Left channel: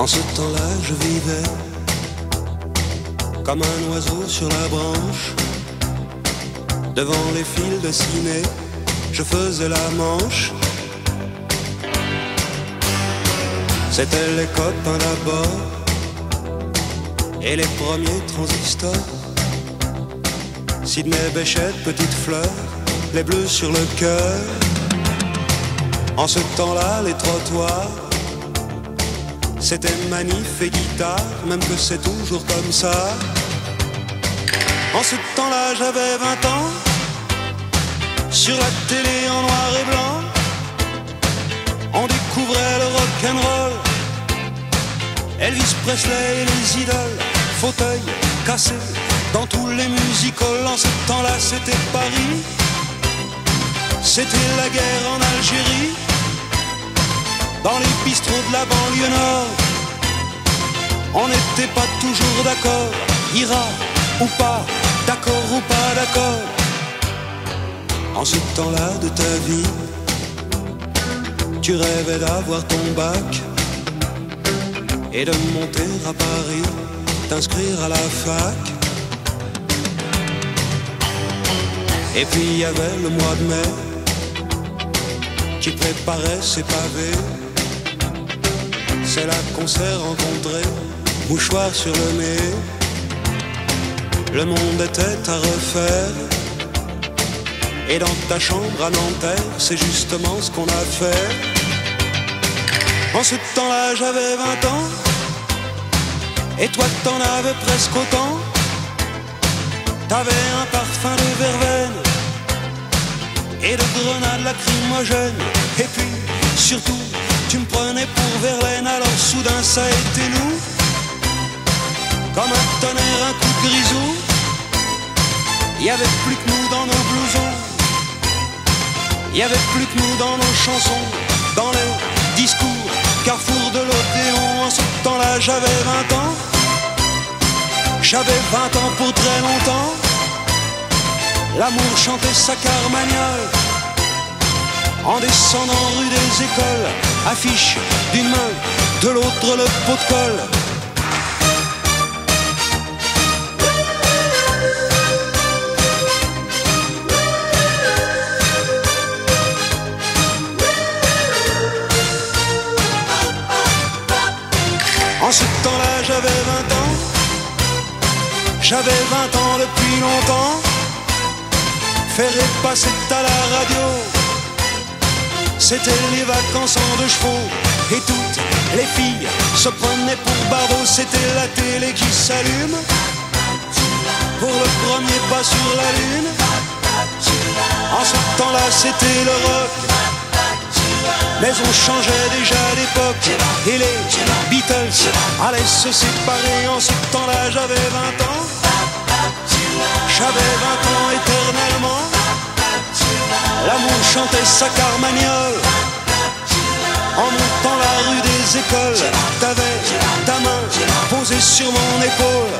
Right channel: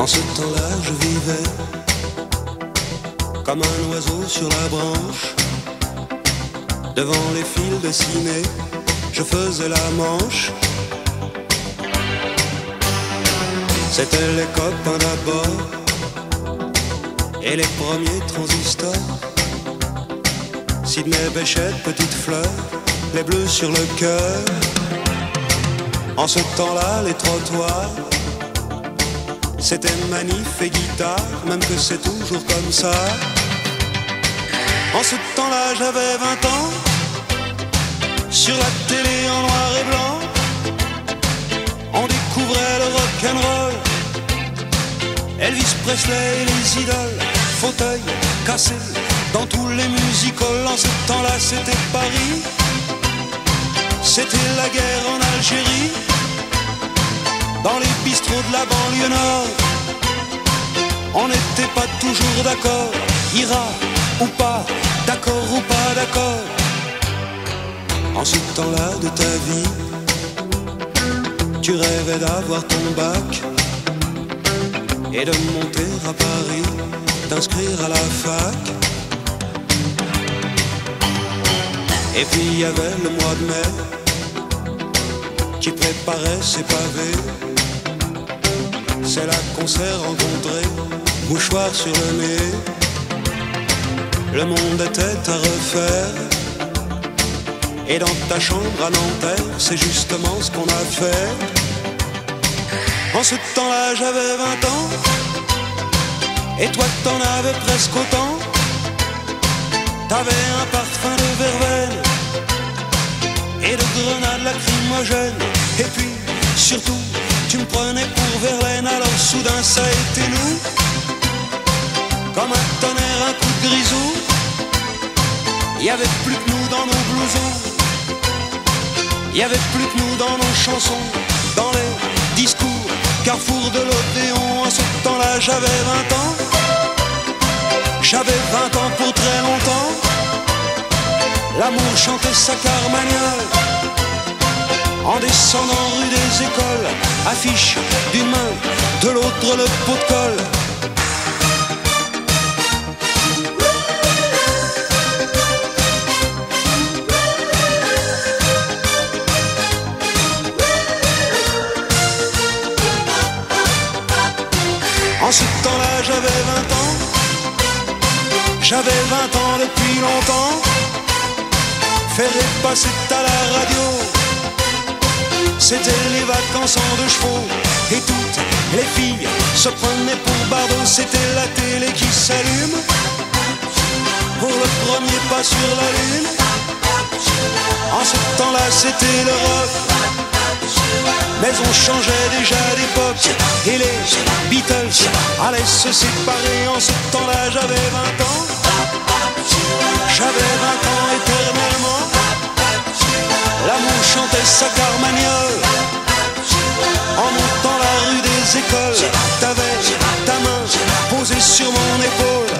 En ce temps-là, je vivais comme un oiseau sur la branche. Devant les fils de ciné, je faisais la manche. C'étaient les copains d'abord et les premiers transistors. Sidney Bechet, Petite Fleur, les bleus sur le cœur. En ce temps-là, les trottoirs, c'était manif et guitare, même que c'est toujours comme ça. En ce temps-là, j'avais 20 ans. Sur la télé en noir et blanc, on découvrait le rock'n'roll, Elvis Presley et les idoles, fauteuils cassés dans tous les musicals. En ce temps-là, c'était Paris, c'était la guerre en Algérie. Dans les bistrots de la banlieue nord, on n'était pas toujours d'accord. Ira ou pas, d'accord ou pas d'accord. En ce temps-là de ta vie, tu rêvais d'avoir ton bac et de monter à Paris, t'inscrire à la fac. Et puis il y avait le mois de mai qui préparait ses pavés. C'est là qu'on s'est rencontrés, mouchoir sur le nez. Le monde était à refaire, et dans ta chambre à Nanterre, c'est justement ce qu'on a fait. En ce temps-là, j'avais 20 ans, et toi t'en avais presque autant. T'avais un parfum de verveine et de grenades lacrymogènes. Et puis, surtout, tu me prenais pour Verlaine. Alors soudain, ça a été nous, comme un tonnerre, un coup de grisou. Il y avait plus que nous dans nos blousons, il y avait plus que nous dans nos chansons, dans les discours, carrefour de l'Odéon. En ce temps-là, j'avais 20 ans. J'avais 20 ans pour très longtemps. L'amour chantait sa carmagnole en descendant rue des Écoles. Affiche d'une main, de l'autre le pot de colle. En ce temps-là, j'avais 20 ans. J'avais 20 ans depuis longtemps. Ferré passait à la radio, c'était les vacances en 2 chevaux. Et toutes les filles se prenaient pour Bardot. C'était la télé qui s'allume pour le premier pas sur la lune. En ce temps-là, c'était le rock, mais on changeait déjà d'époque. Et les Beatles allaient se séparer. En ce temps-là, j'avais 20 ans. J'avais 20 ans éternellement. L'amour chantait sa carmagnole en montant la rue des Écoles. T'avais ta main posée sur mon épaule.